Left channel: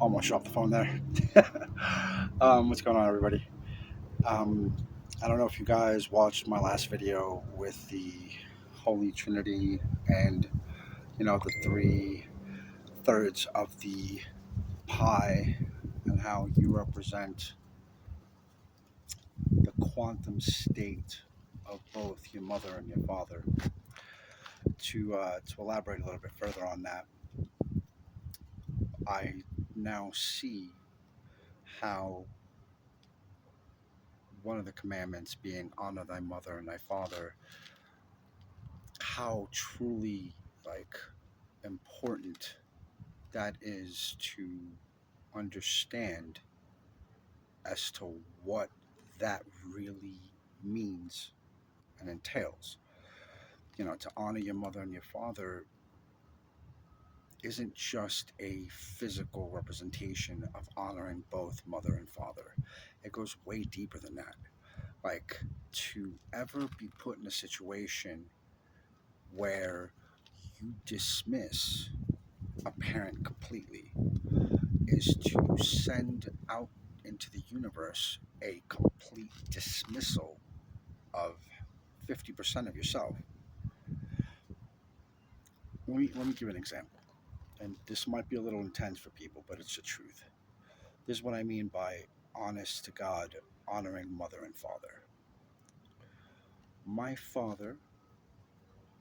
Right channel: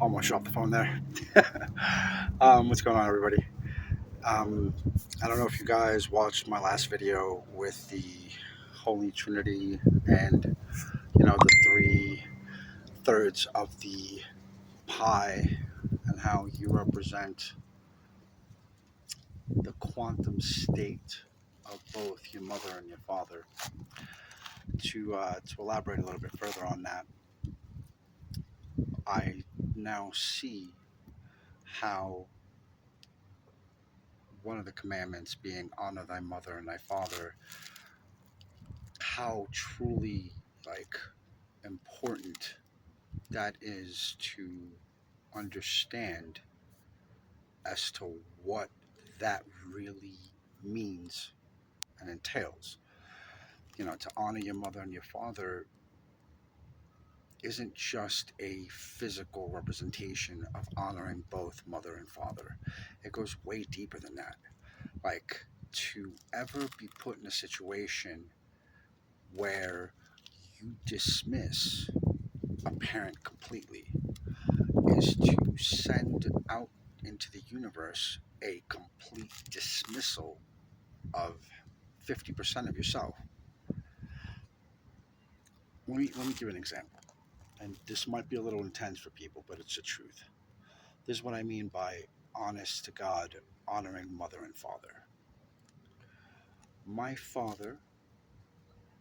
Almost dropped the phone there. What's going on, everybody? Um, I don't know if you guys watched my last video with the Holy Trinity and the three thirds of the pie and how you represent the quantum state of both your mother and your father. To elaborate a little bit further on that, I now see how one of the commandments being honor thy mother and thy father, how truly important that is to understand as to what that really means and entails. To honor your mother and your father isn't just a physical representation of honoring both mother and father. It goes way deeper than that. Like, to ever be put in a situation where you dismiss a parent completely is to send out into the universe a complete dismissal of 50% of yourself. Let me give an example. And this might be a little intense for people, but it's the truth. This is what I mean by honest to God, honoring mother and father. My father,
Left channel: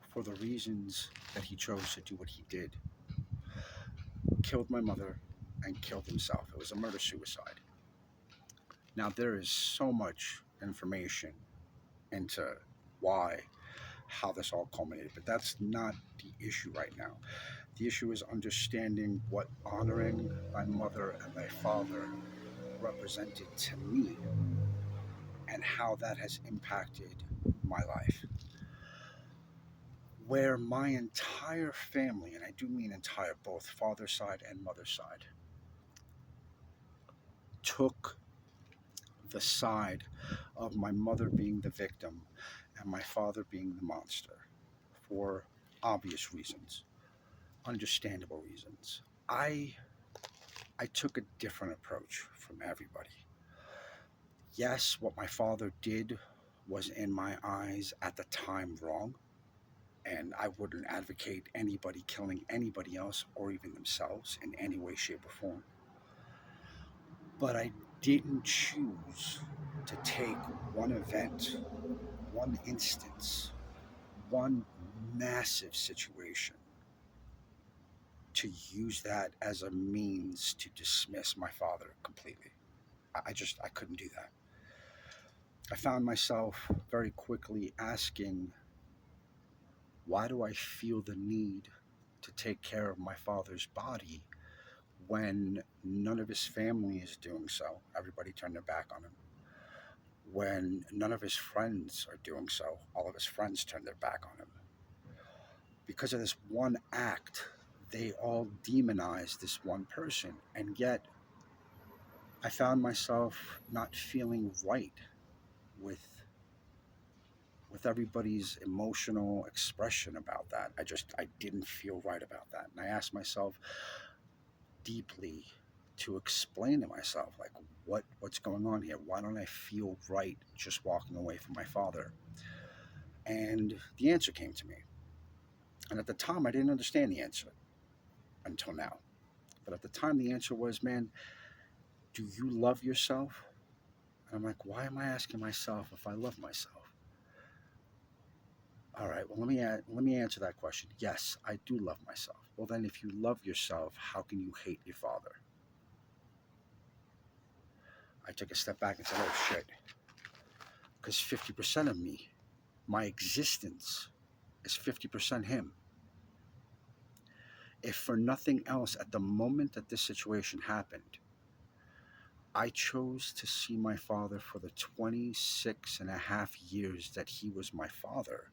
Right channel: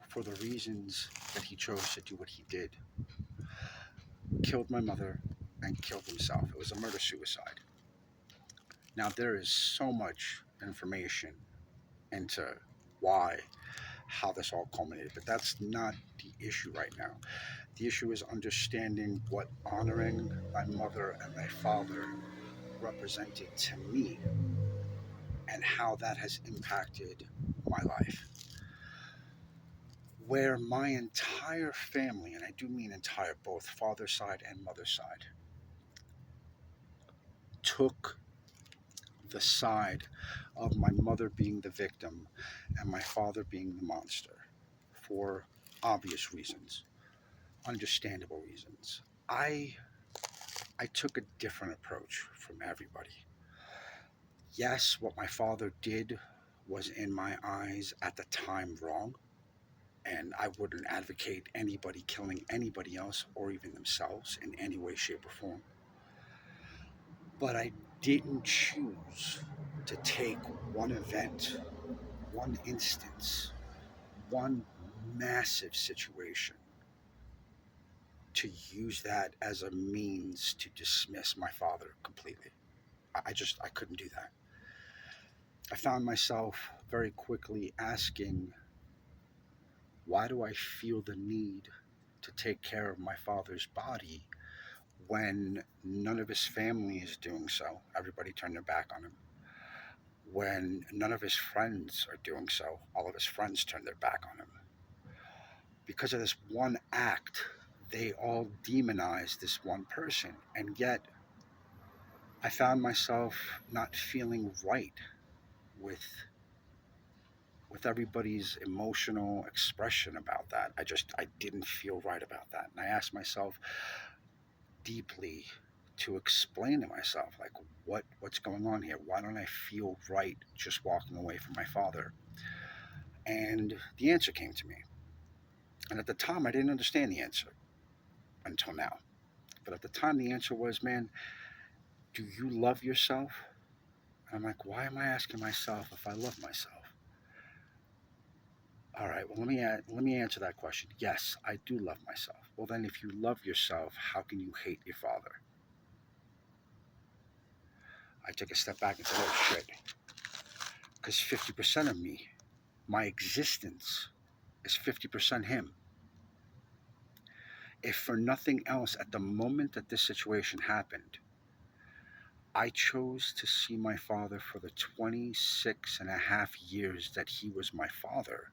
for the reasons that he chose to do what he did, killed my mother and killed himself. It was a murder suicide. Now, there is so much information into why, how this all culminated, but that's not the issue right now. The issue is understanding what honoring my mother and my father represented to me and how that has impacted my life. Where my entire family, and I do mean entire, both father side and mother side, took the side of my mother being the victim and my father being the monster for obvious reasons, understandable reasons. I took a different approach from everybody. Yes, what my father did was in my eyes at the time wrong, and I wouldn't advocate anybody killing anybody else or even themselves in any way, shape, or form. But I didn't choose to take one event, one instance, one massive situation to use that as a means to dismiss my father completely. I couldn't do that. I found myself very quickly asking, why do I feel the need to take care of my father's body when none of his family is doing so? Everybody turned their back on him. When none of his friends are doing so, all of his friends turn their back on him. Because of this one act, they all demonize this one person. And yet, I found myself not feeling right with everybody's emotional expression about that. I didn't feel right about that. And I asked myself deeply to explain to myself, like, what's going on here? Why don't I feel right just walking away from my father? And the answer came to me. And at the time I didn't understand the answer until now. But at the time the answer was, man, do you love yourself? And I'm like, why am I asking myself if I love myself? All right, well, let me answer that question. Yes, I do love myself. Well, then, if you love yourself, how can you hate your father? I took a step back and said, oh, shit. Because 50% of me, my existence, is 50% him. If for nothing else, at the moment that this situation happened, I chose to see my father for the 26 and a half years that he was my father,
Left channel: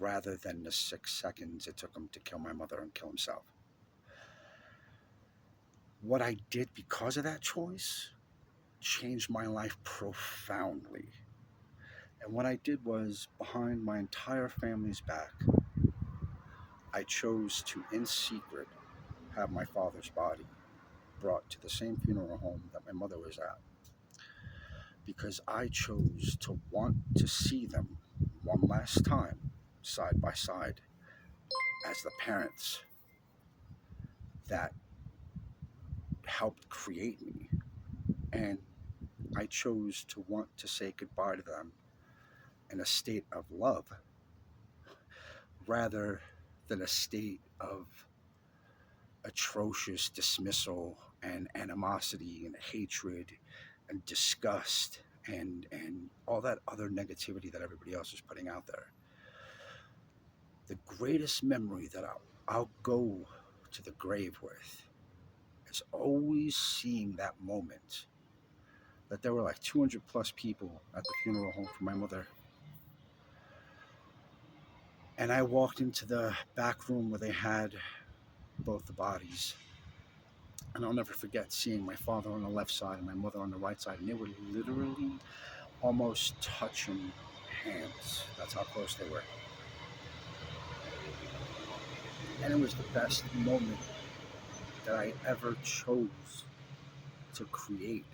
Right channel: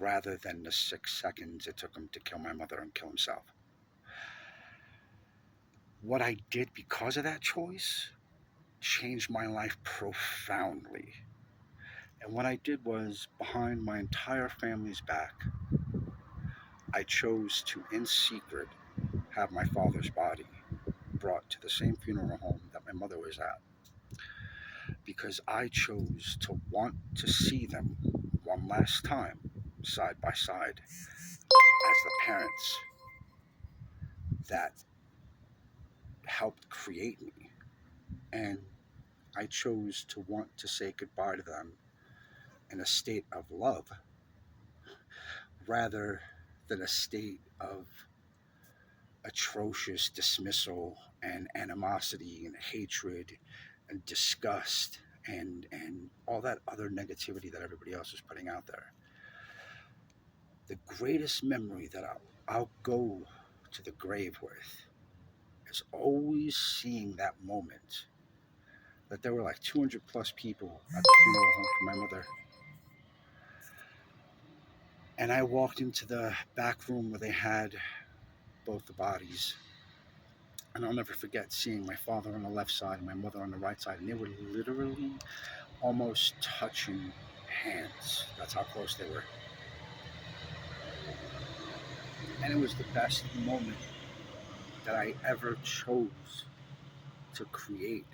rather than the 6 seconds it took him to kill my mother and kill himself. What I did because of that choice changed my life profoundly. And what I did was, behind my entire family's back, I chose to, in secret, have my father's body brought to the same funeral home that my mother was at because I chose to want to see them one last time, side by side, as the parents that helped create me. And I chose to want to say goodbye to them in a state of love rather than a state of atrocious dismissal and animosity and hatred and disgust and all that other negativity that everybody else is putting out there. The greatest memory that I'll go to the grave with is always seeing that moment that there were like 200 plus people at the funeral home for my mother. And I walked into the back room where they had both the bodies. And I'll never forget seeing my father on the left side and my mother on the right side. And they were literally almost touching hands. That's how close they were. And it was the best moment that I ever chose to create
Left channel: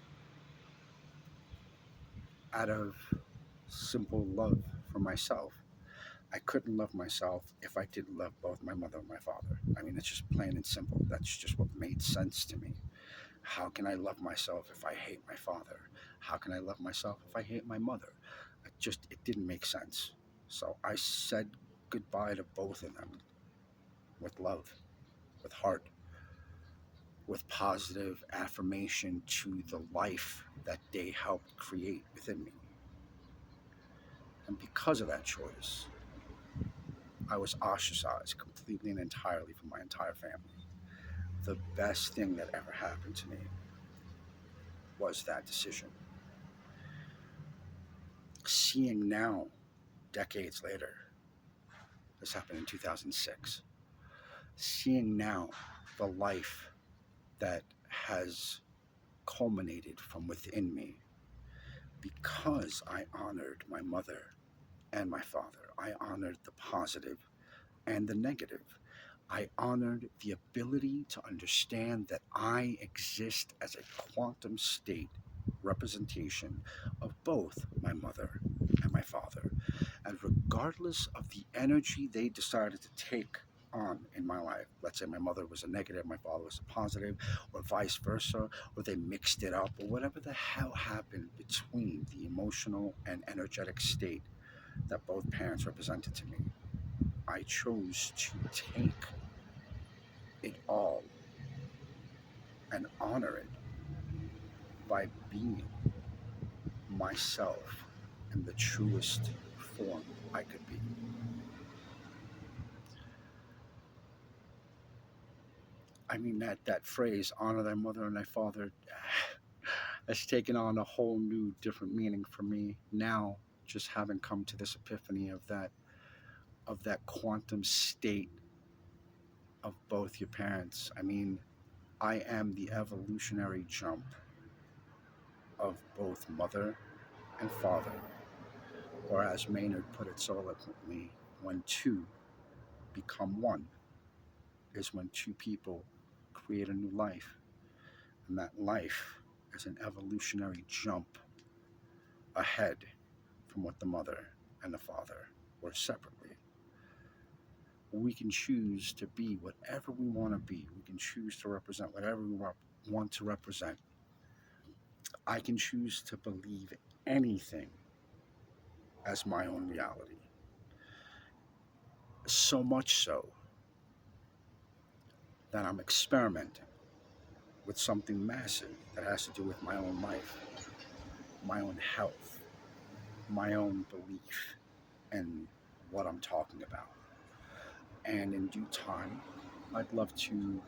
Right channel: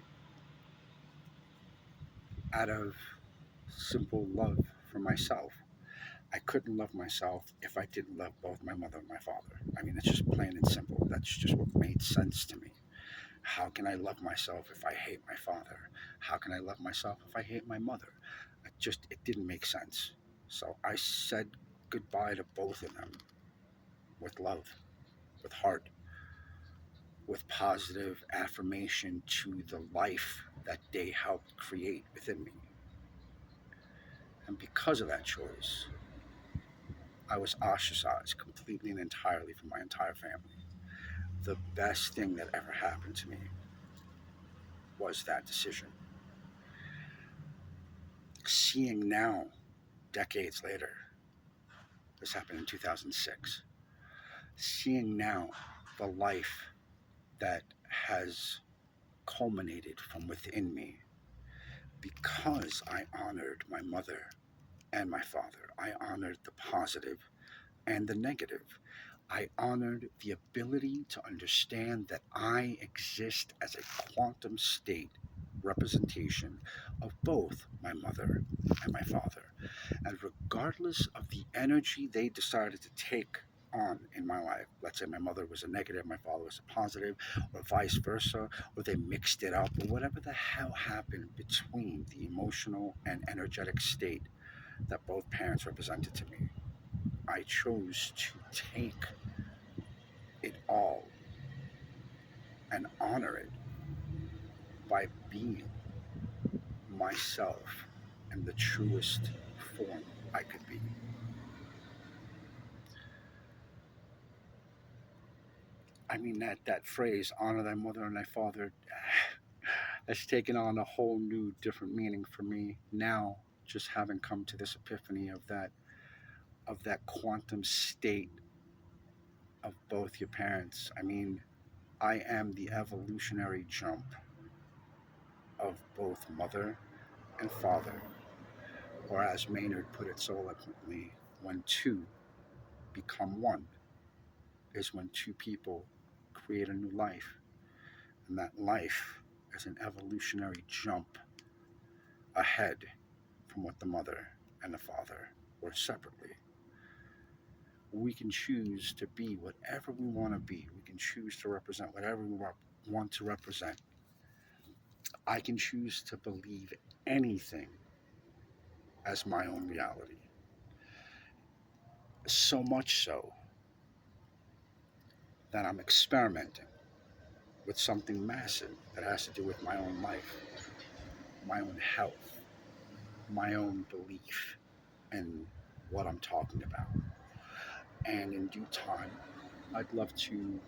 out of simple love for myself. I couldn't love myself if I didn't love both my mother and my father. I mean, it's just plain and simple. That's just what made sense to me. How can I love myself if I hate my father? How can I love myself if I hate my mother? It didn't make sense. So I said goodbye to both of them with love, with heart, with positive affirmation to the life that they helped create within me. And because of that choice, I was ostracized completely and entirely from my entire family. The best thing that ever happened to me was that decision. Seeing now, decades later, this happened in 2006, seeing now the life that has culminated from within me because I honored my mother and my father. I honored the positive and the negative. I honored the ability to understand that I exist as a quantum state representation of both my mother and my father. And regardless of the energy they decided to take on in my life, let's say my mother was a negative, my father was a positive, or vice versa, or they mixed it up, or whatever the hell happened between the emotional and energetic state that both parents represented to me, I chose to take it all and honor it by being myself in the truest form I could be. I mean, that phrase, honor thy mother and thy father, has taken on a whole new, different meaning for me now, just having come to this epiphany of that quantum state of both your parents. I mean, I am the evolutionary jump of both mother and father, or as Maynard put it so eloquently, when two become one is when two people create a new life. And that life is an evolutionary jump ahead from what the mother and the father were separately. We can choose to be whatever we want to be. We can choose to represent whatever we want to represent. I can choose to believe anything as my own reality. So much so that I'm experimenting with something massive that has to do with my own life, my own health, my own belief in what I'm talking about. And in due time, I'd love to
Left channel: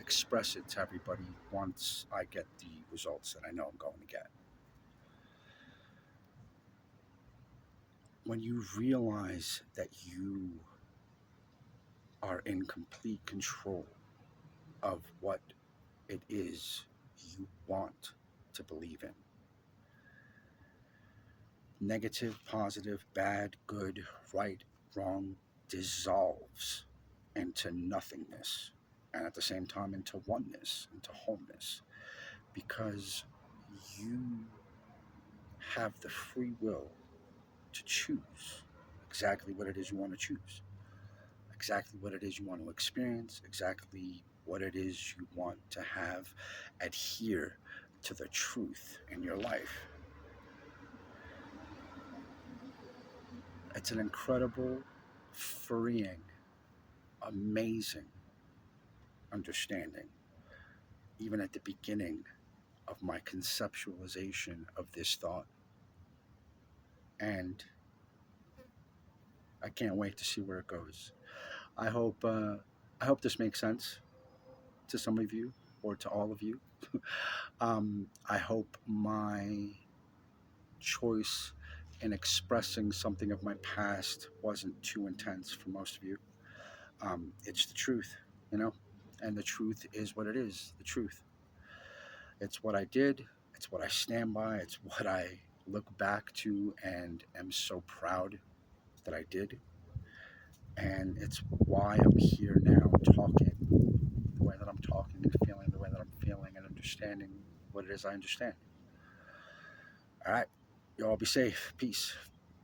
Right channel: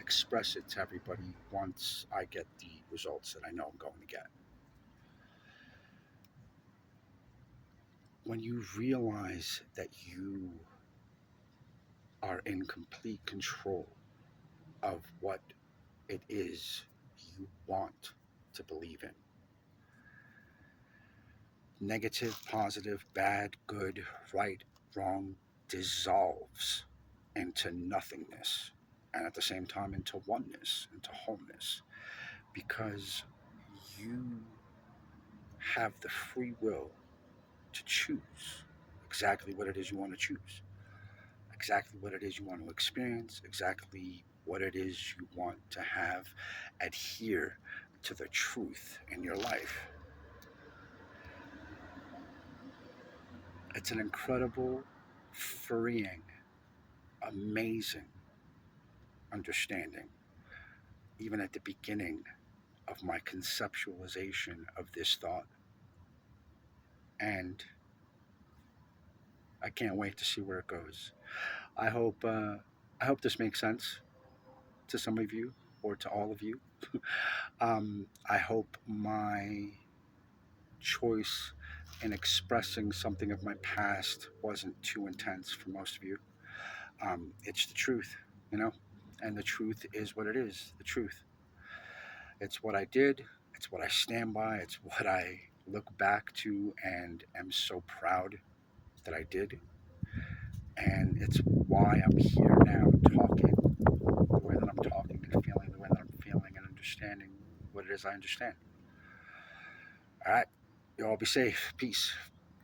express it to everybody once I get the results that I know I'm going to get. When you realize that you are in complete control of what it is you want to believe in, negative, positive, bad, good, right, wrong, dissolves into nothingness, and at the same time into oneness, into wholeness. because you have the free will to choose exactly what it is you want to choose, exactly what it is you want to experience, exactly what it is you want to have adhere to the truth in your life. It's an incredible, freeing, amazing understanding, even at the beginning of my conceptualization of this thought. And I can't wait to see where it goes. I hope I hope this makes sense to some of you or to all of you. I hope my choice in expressing something of my past wasn't too intense for most of you. It's the truth, you know, and the truth is what it is. The truth. It's what I did. It's what I stand by. It's what I look back to and am so proud that I did. And it's why I'm here now talking the way that I'm talking and feeling the way that I'm feeling and understanding what it is I understand. All right. You all be safe. Peace.